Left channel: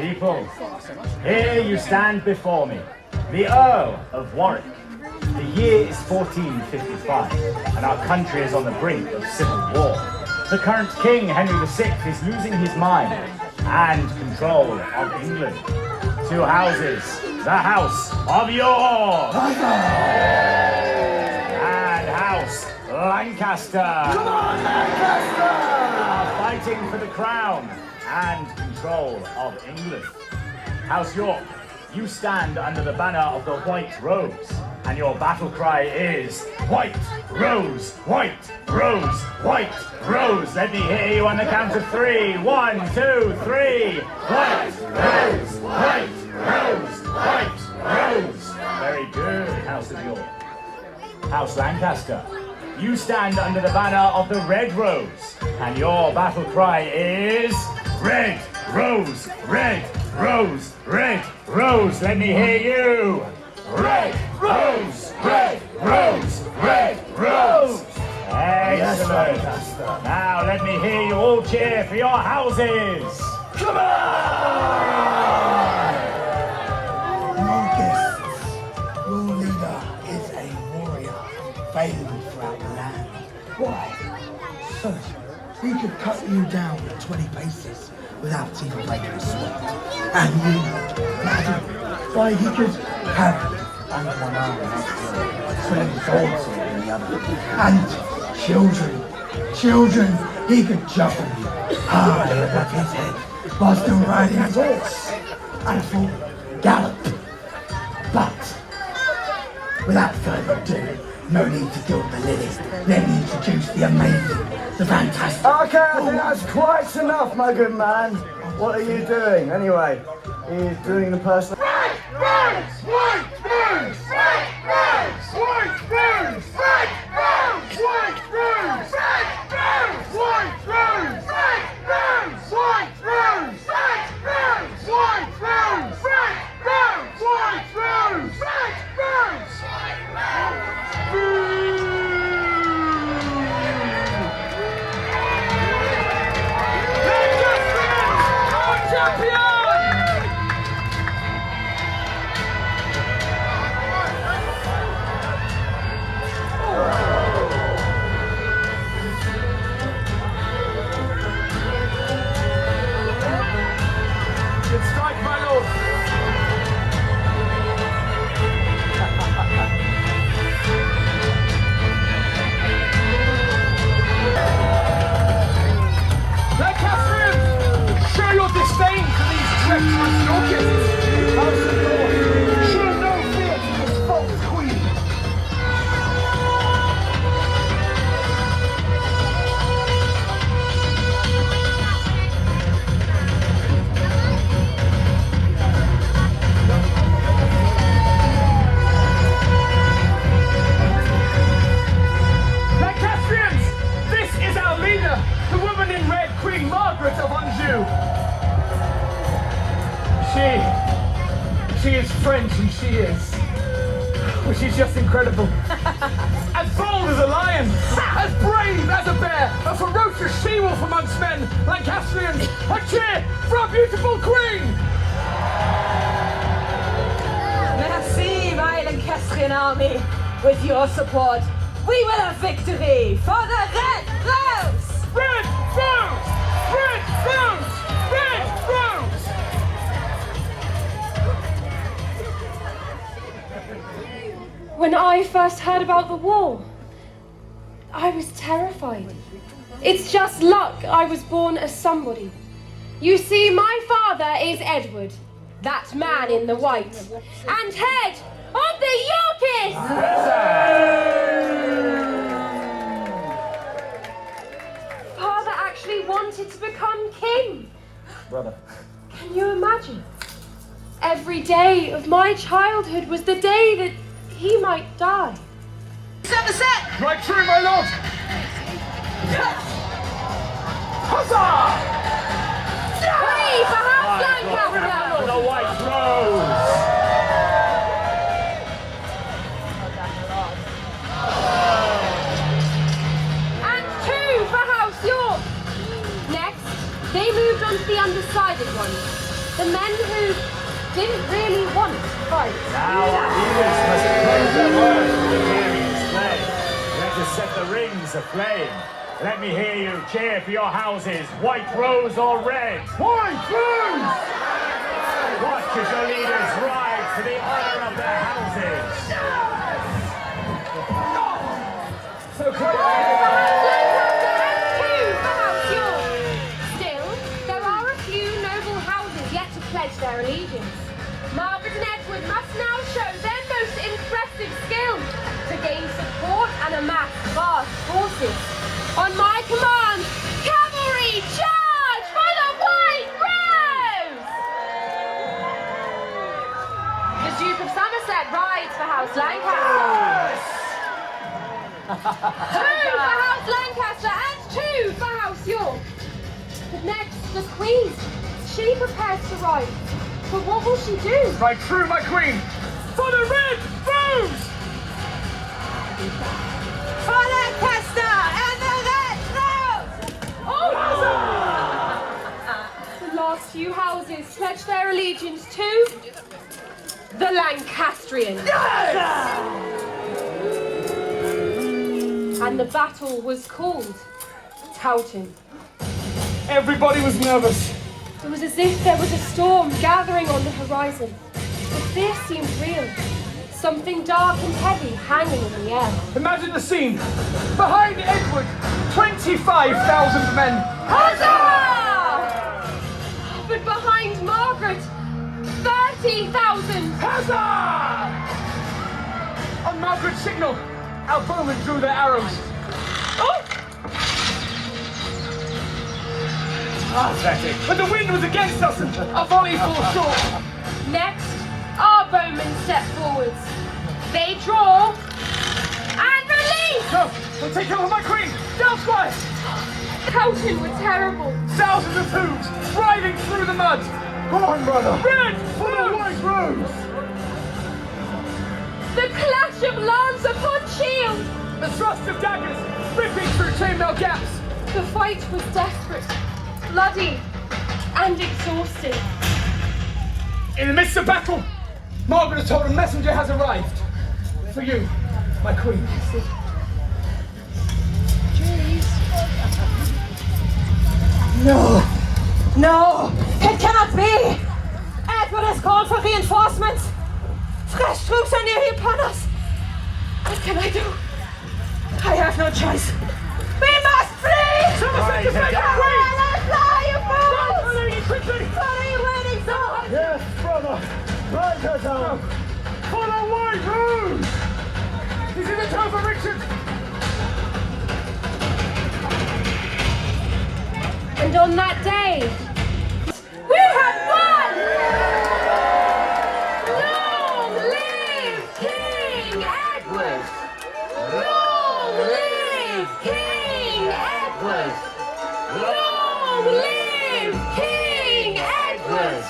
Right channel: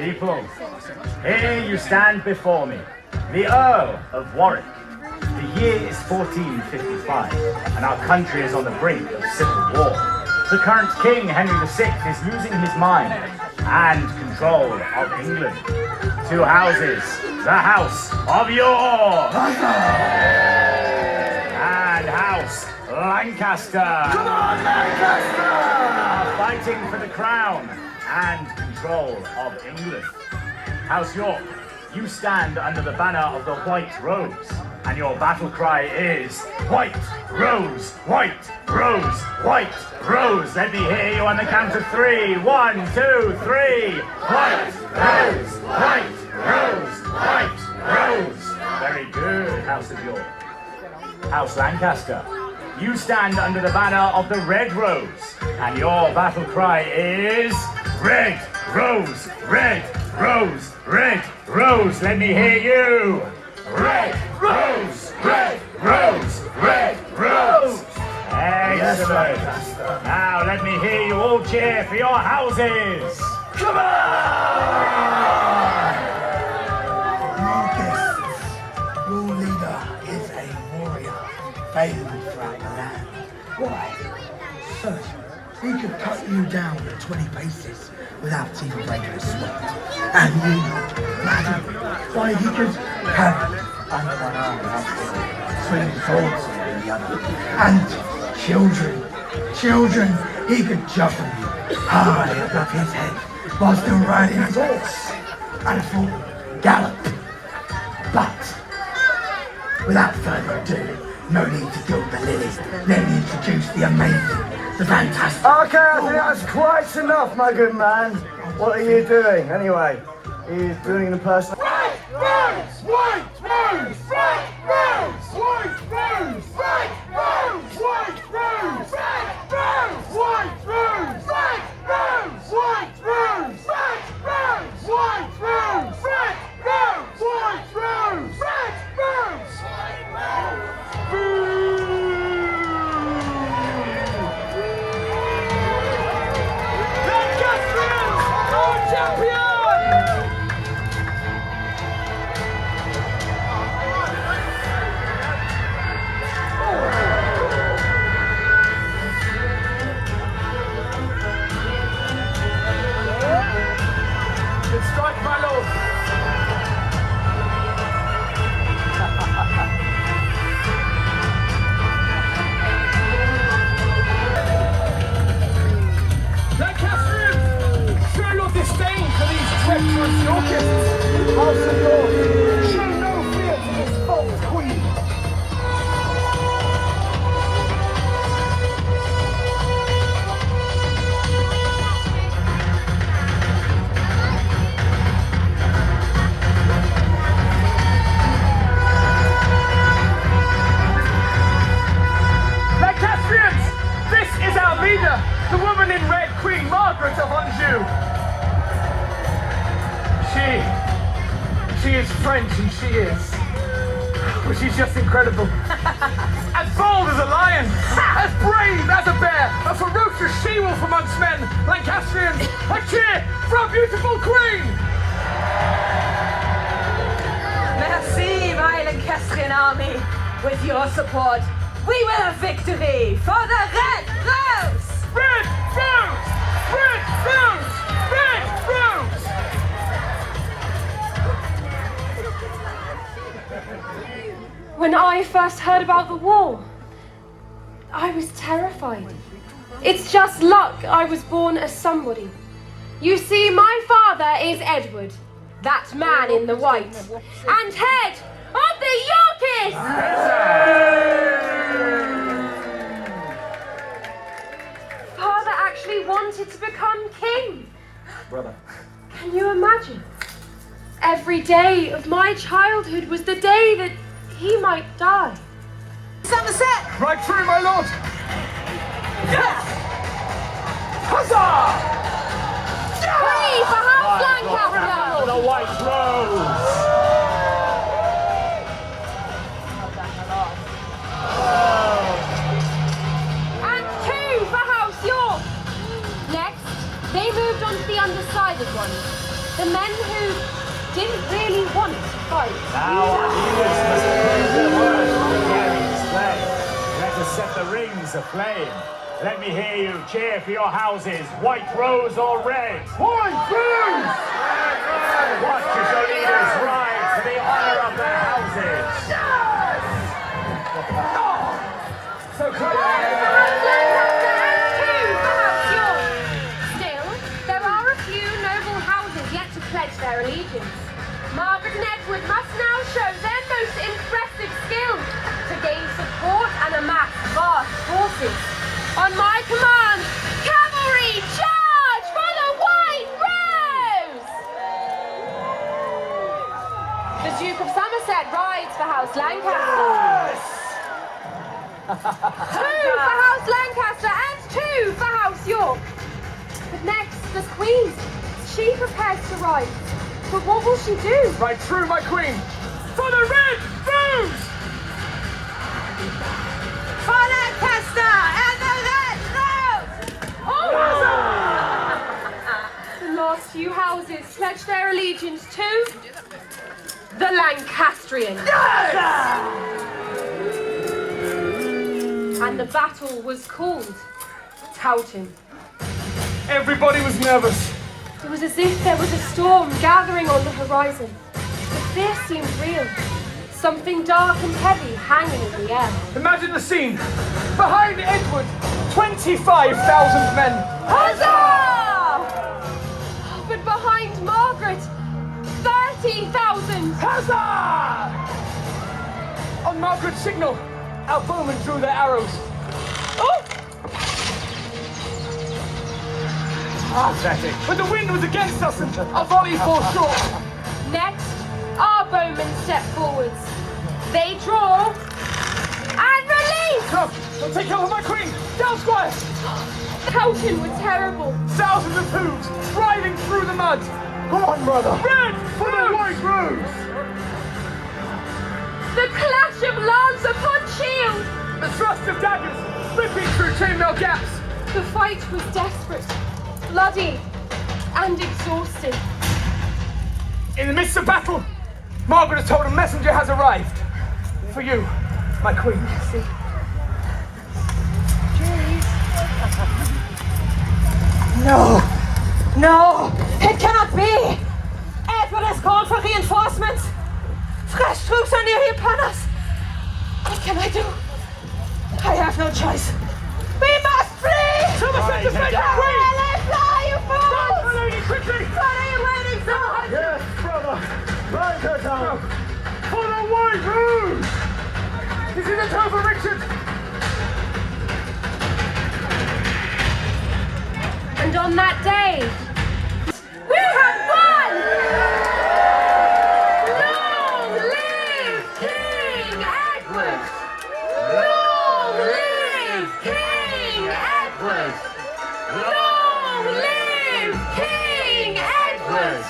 people, here you stand before me, the Earl of Warwick. The year is 1455, and our country is on the brink of civil war. The current King, Henry VI, is losing his mind and control of England. Two houses, the House of York and House Lancaster. Come on, Lancaster! Are fighting for the crown and control of England. House York, you stand under the banner of the White Rose, and your battle cry is White Rose, White Rose, White Rose. Let me hear you on the count of three. 1, 2, 3. White Rose, White Rose, White Rose. Very good, House of York. House Lancaster, you stand under the banner of the Red Rose, and your battle cry is Red Rose, Red Rose, Red Rose. Let me hear you. Red Rose, Red Rose, Red Rose. Excellent. Now let me hear you all cheer for your houses. Come on! Marcus, your leader is a warrior, famed throughout the land. Why? So, he could cut you down at 20 paces without even breaking a sweat. And you, madam, why he could have swords in the other. And children, he could jump hard above his head whilst them riding his horse and full gallop. But without further ado, no need to gild the lilies. Let me introduce the amazing, the fantastic. Okay, I think that's quite enough, my good man. What are you doing, anyway? He's doing the person. White Rose! White Rose! White Rose! White Rose! White Rose! White Rose! White Rose! White Rose! White Rose! White Rose! White Rose! White Rose! White Rose! White Rose! White Rose! She is French, and she is. Well, she's just incredible. As bold as a lion, as brave as a bear, a ferocious she-wolf amongst men. Lancastrians, a cheer for our beautiful queen! Merci, my Lancastrian army. With your support, we will have victory for the Red Rose! Red Rose! Red Rose! Red Rose! When I first heard about the war, I was terrified. It's just luck I was born as somebody. You see, my father is Edward, that man in the white, and head of the Yorkists! Father actually wanted to become king. Brother. Can you imagine? Every day of my childhood was the day that he might die. Somerset! Right through, my lord! Huzzah! Hooray for House Lancaster! The White Rose! And 2 for House York! Next, they moved on to the undecided ones. The men who didn't really want to fight. Now, let us set the rings aflame. Let me hear you cheer for your houses, white rose or red. White rose! Watch as your leaders ride for the honor of their houses. So cool. Still, there are a few noble houses yet to pledge their allegiance. Margaret and Edward must now show their most impressive skill to gain support and amass vast forces. On my command, cavalry, charge for the White Rose! The Duke of Somerset rides for House Lancaster. 2 for House Lancaster and 2 for House York. But next, the Queen. She prepares to ride. But what will she do? Right through, my queen. For the Red Rose! For Lancaster and the Red Rose! The last few houses pledge their allegiance to the Lancastrians. And the battle was called Towton. Everybody was nervous. It was as if there was a storm gathering on the horizon. The fear seemed real. Something dark and heavy hanging in the air. Imagine the scene. Behind Edward, 25,000 men. Huzzah! But behind Margaret, 30,000. Huzzah! On Margaret's signal, our bowmen drew their arrows. Oh! Pathetic. But the wind was against us and our volley falls short. Next, our bowmen step forwards. They draw and release! No, don't take cover, my queen! Down square! Towton were terrible. Thousands of hooves riding through the mud. Red for the White Rose! The clash of lance upon shield. The thrust of daggers ripping through chainmail gaps. The fight was desperate, bloody, and exhausting. In the midst of battle, Margaret is told a messenger has arrived. For you, my queen. See? No! No, it cannot be! Edward has called for reinforcements! Fresh troops are near upon us! What can I do? I have no choice. We must flee! Somerset, defend your queen! Fly, you fools! Quickly! What are you waiting for? Yes, brother! Right her down! For the White Rose! This is a time for Richard! And on that day, we have won! Long live King Edward! Long live King Edward! Long live King Edward!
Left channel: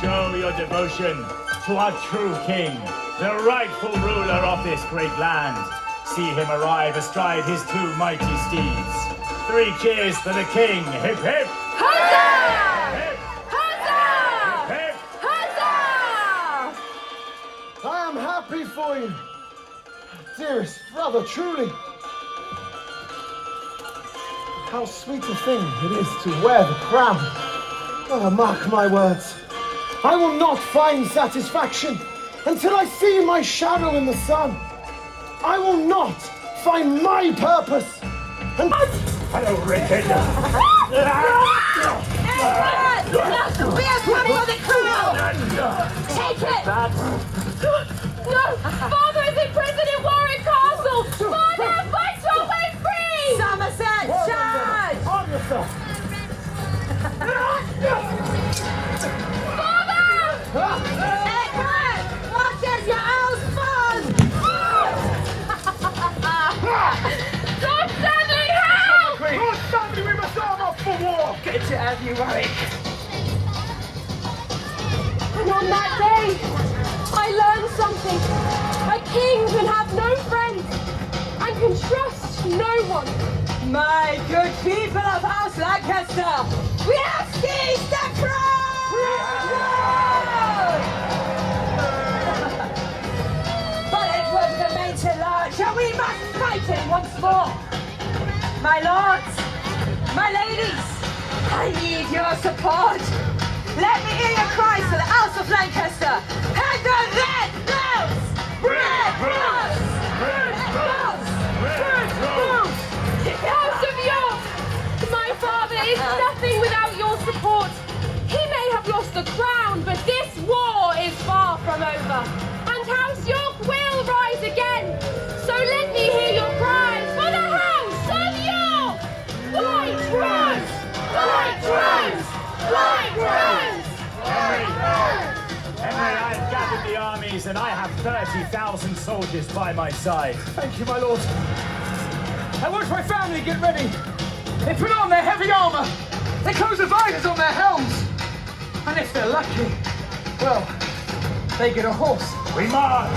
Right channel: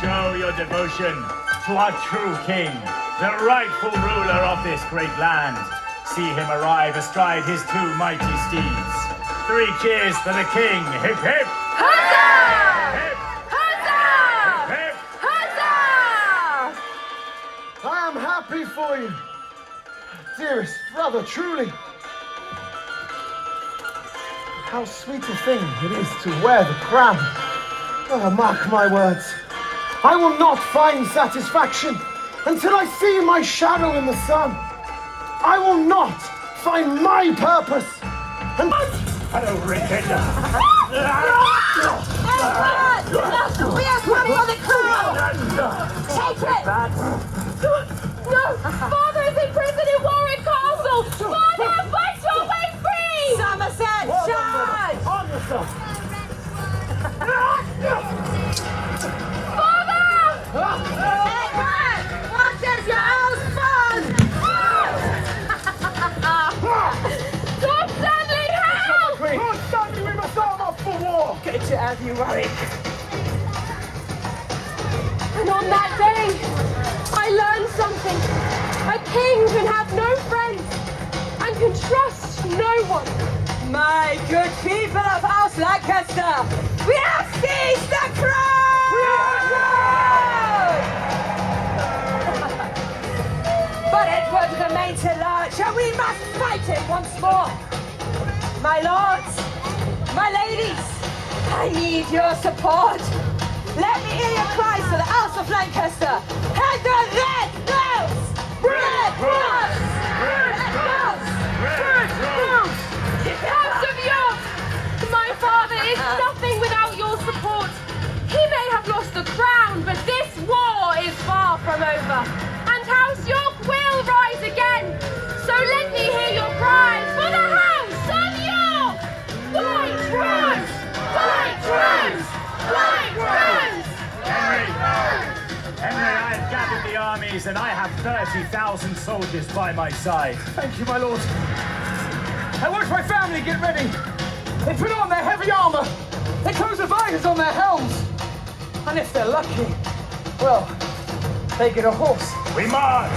Show your devotion to our true king, the rightful ruler of this great land. See him arrive astride his 2 mighty steeds. 3 cheers for the king. Hip, hip. Huzzah! Hip, Huzzah! hip. Huzzah! I am happy for you, dearest brother, truly. How sweet a thing it is to wear the crown. Oh, mark my words. I will not find satisfaction until I see my shadow in the sun. I will not find my purpose. And Hello, Richard. Edward! We are coming on the crown! Take it! No! Father is in prison in Warwick Castle! Father, fight your way free! Somerset, charge! Edward! What is your house fun? Lord Stanley, help! Lord Stanley, we must arm up for war! Good to have you, Warwick. And on that day, I learned something. A king can have no friends and can trust no one. My good people of House Lancaster, we have seen lords, my ladies, I need your support. Let me hear your cries for the House of Lancaster and the Red Rose! Red Rose! Red Rose! Red Rose! House of York! My father is nothing without your support. He may have lost the crown, but this war is far from over. And House York will rise again. So let me hear your cries for the House of York! White Rose! White Rose! White Rose! Henry, I have gathered the armies and I have 30,000 soldiers by my side. Thank you, my lord. I watch my family get ready. They put on their heavy armor. They close the visors on their helms. And if they're lucky, well, they get a horse. We march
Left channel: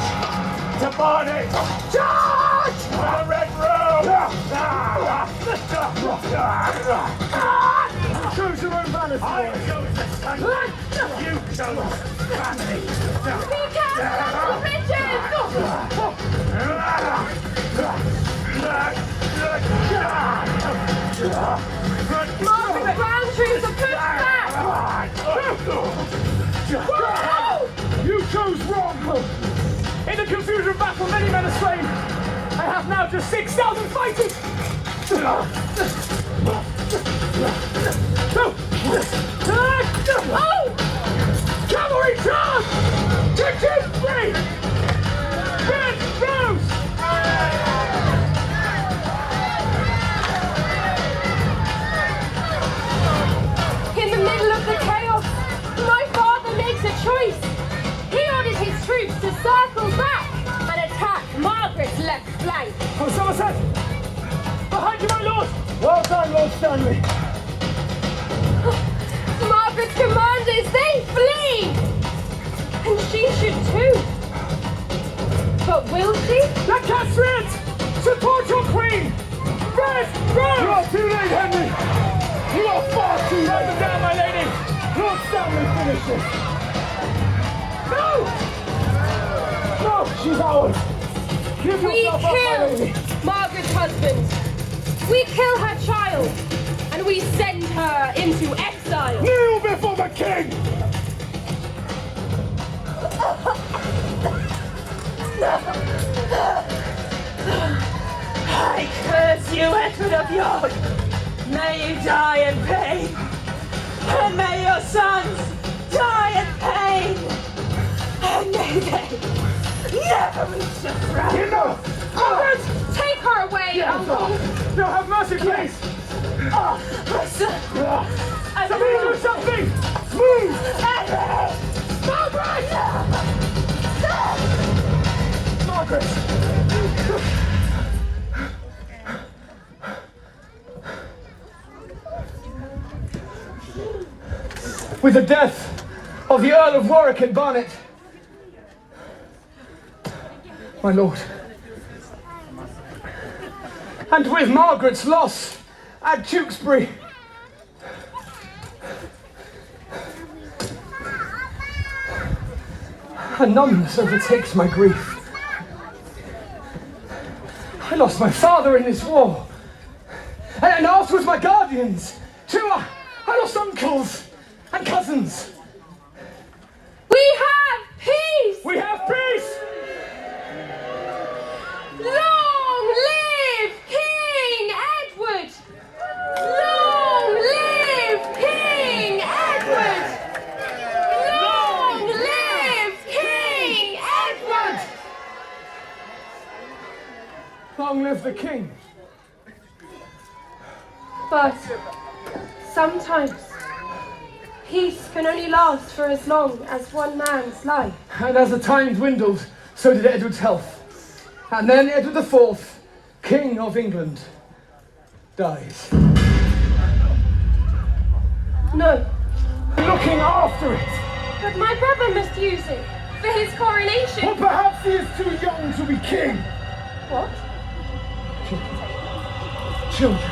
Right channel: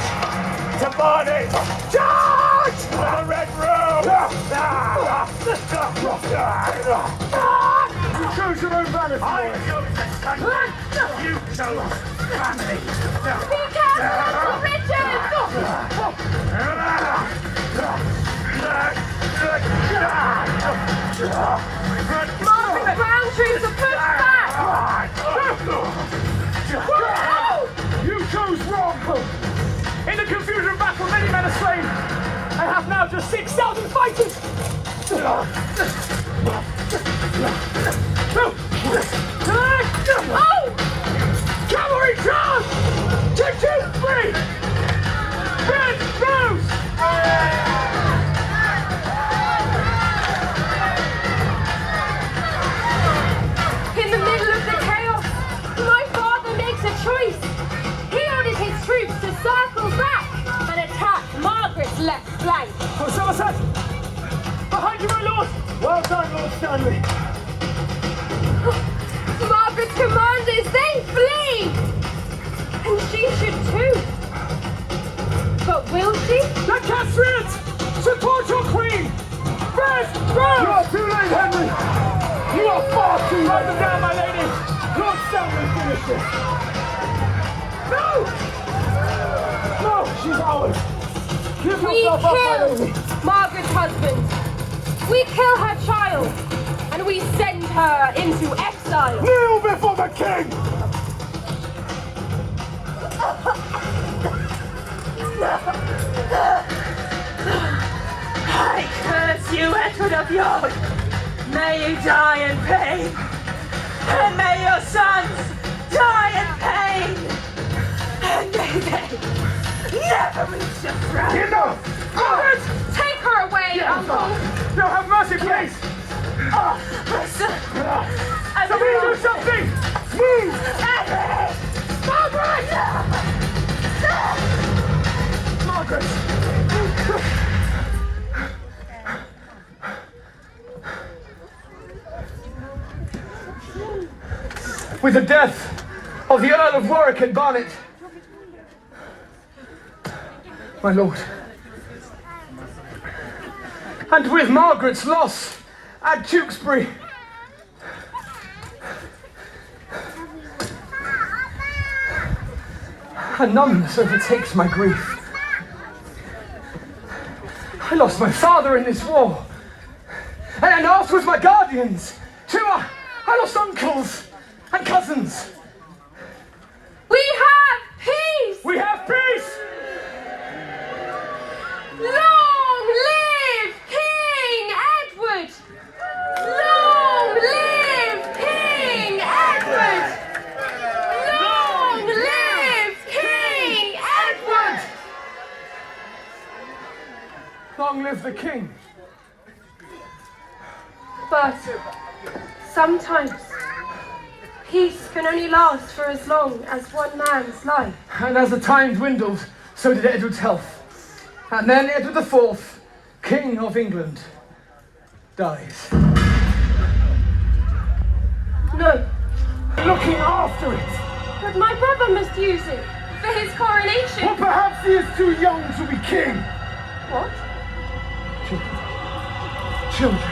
to Barnet! Charge! To the Red Road! Choose your own banner. I chose the sun. You chose family. Be careful, Richard! Margaret, the ground troops are pushed back! You chose wrong. In the confusion of battle, many men are slain. I have now just 6,000 fighters. Oh! Cavalry charge! 2, 3! Red Rose! In the middle of the chaos, my father makes a choice. He orders his troops to circle back and attack Margaret's left flank. Somerset! Behind you, my lord! Well done, Lord Stanley! Margaret's commanders, they flee! And she should too. But will she? Lancastrians! Support your queen! Red Rose! You are too late, Henry! You are far too late! Write them down, my lady! Lord Stanley, finish this! No! No, she's ours! Give We yourself up, my kill lady! Margaret's husband. We kill her child. And we send her into exile. Kneel before the king! I curse you, Edward of York! May you die in pain! And may your sons die in pain! And may they never reach the throne! Enough! Margaret, take her away, uncle. No, have mercy, please! Listen! Somebody do something! Move! Margaret! Margaret! With the death of the Earl of Warwick and Barnet, my lord, and with Margaret's loss at Tewkesbury, a numbness overtakes my grief. I lost my father in this war, and afterwards my guardians. Too, I lost uncles and cousins. We have peace! We have peace! Long live King Edward! Long live King Edward! Long live King Edward! Long live the king! But sometimes peace can only last for as long as one man's life. And as the time dwindled, so did Edward's health. And then Edward IV, King of England, dies. No, Looking after it! but my brother must use it for his coronation. Or perhaps he is too young to be king. What? Children,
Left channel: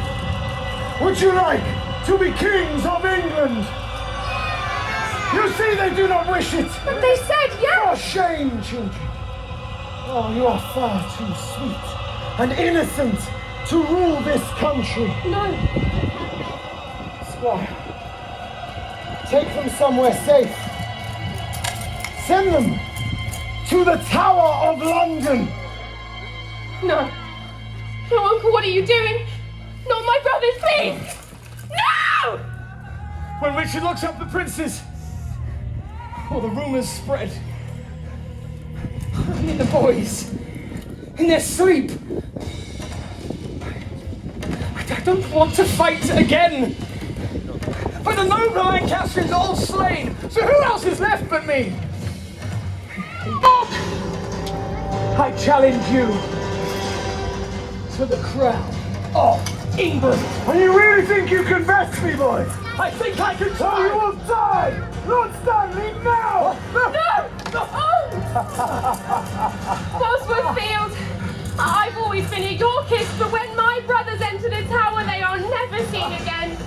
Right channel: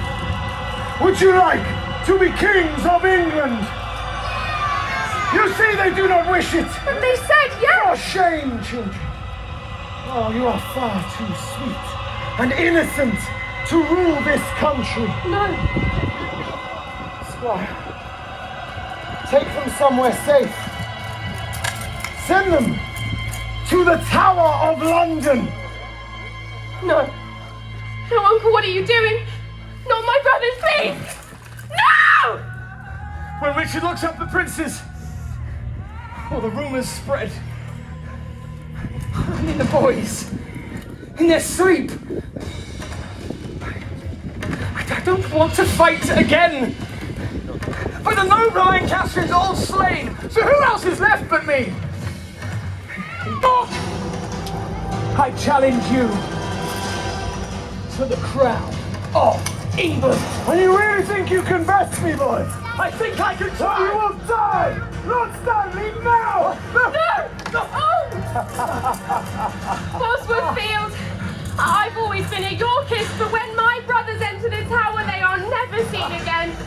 would you like to be kings of England? You see they do not wish it. But they said yes! For shame, children. Oh, you are far too sweet and innocent to rule this country. No. Squire, take them somewhere safe. Send them to the Tower of London. No. No, Uncle, what are you doing? Not my brothers, please! No! When Richard looks up the princes, the rumors spread. And the boys, in their sleep. I don't want to fight again. But the noble Lancastrians all slain, so who else is left but me? I challenge you to the crown of England. And you really think you can best me, boy? I think I can So you will die! Lord Stanley, now! No! Bosworth Field, I've always been a Yorkist, but when my brothers enter the tower, they are never seen again.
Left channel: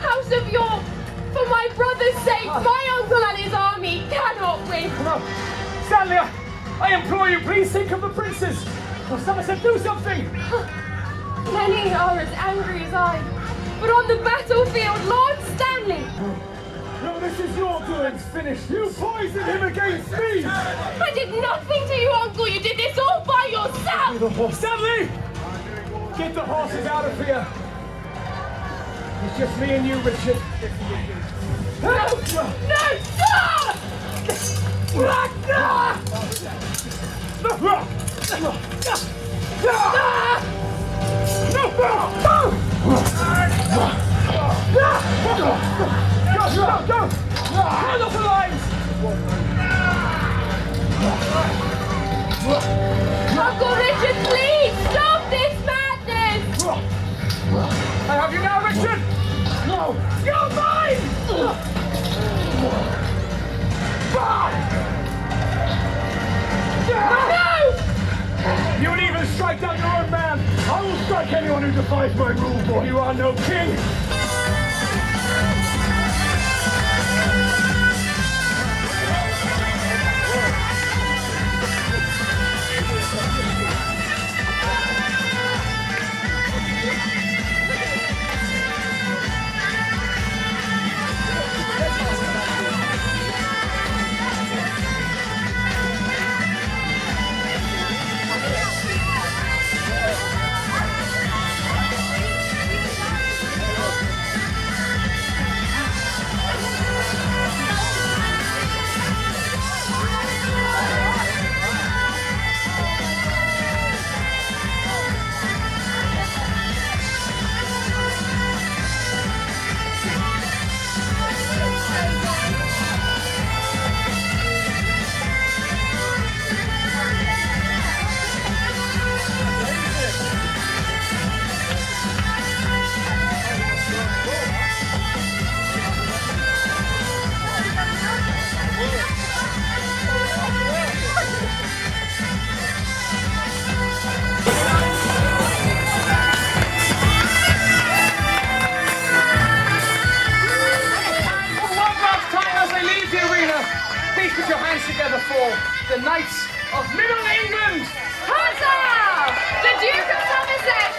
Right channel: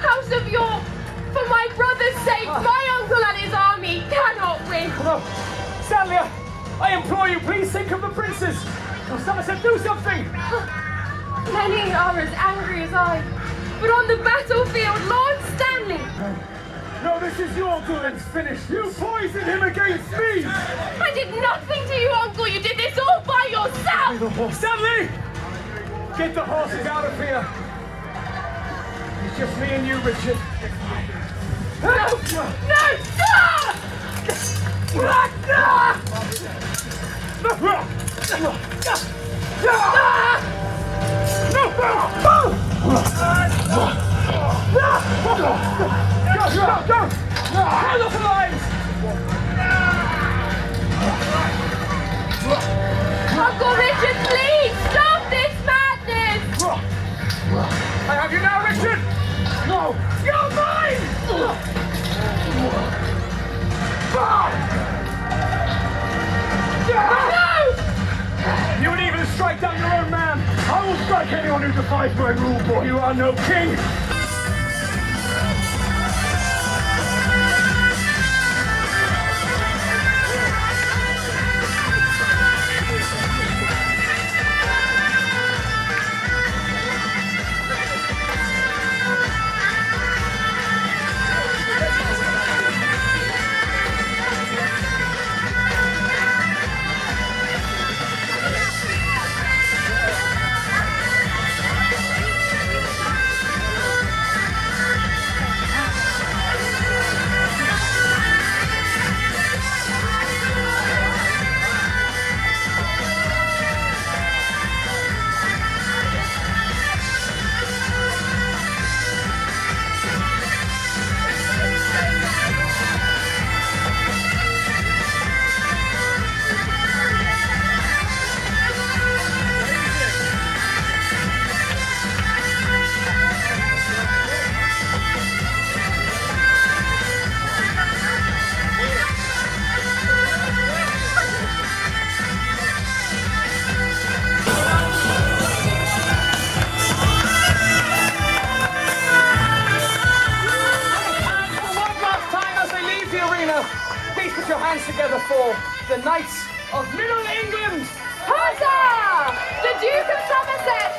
House of York, for my brother's sake, my uncle and his army cannot win. Stanley, I implore you, please think of the princes. Somerset, do something. Many are as angry as I, but on the battlefield, Lord Stanley. No, this is your doing. It's finished. You poisoned him against me! I did nothing to you, Uncle. You did this all by yourself. Stanley! Get the horses out of here. It's just me and you, Richard. No! Uncle Richard, please stop this madness! I have you now, Richard! No! You're mine! No! You would even strike down your own man! I will strike anyone who defies my rule, boy! You are no king! Together for the Knights of Middle England! Huzzah! The Duke of Somerset,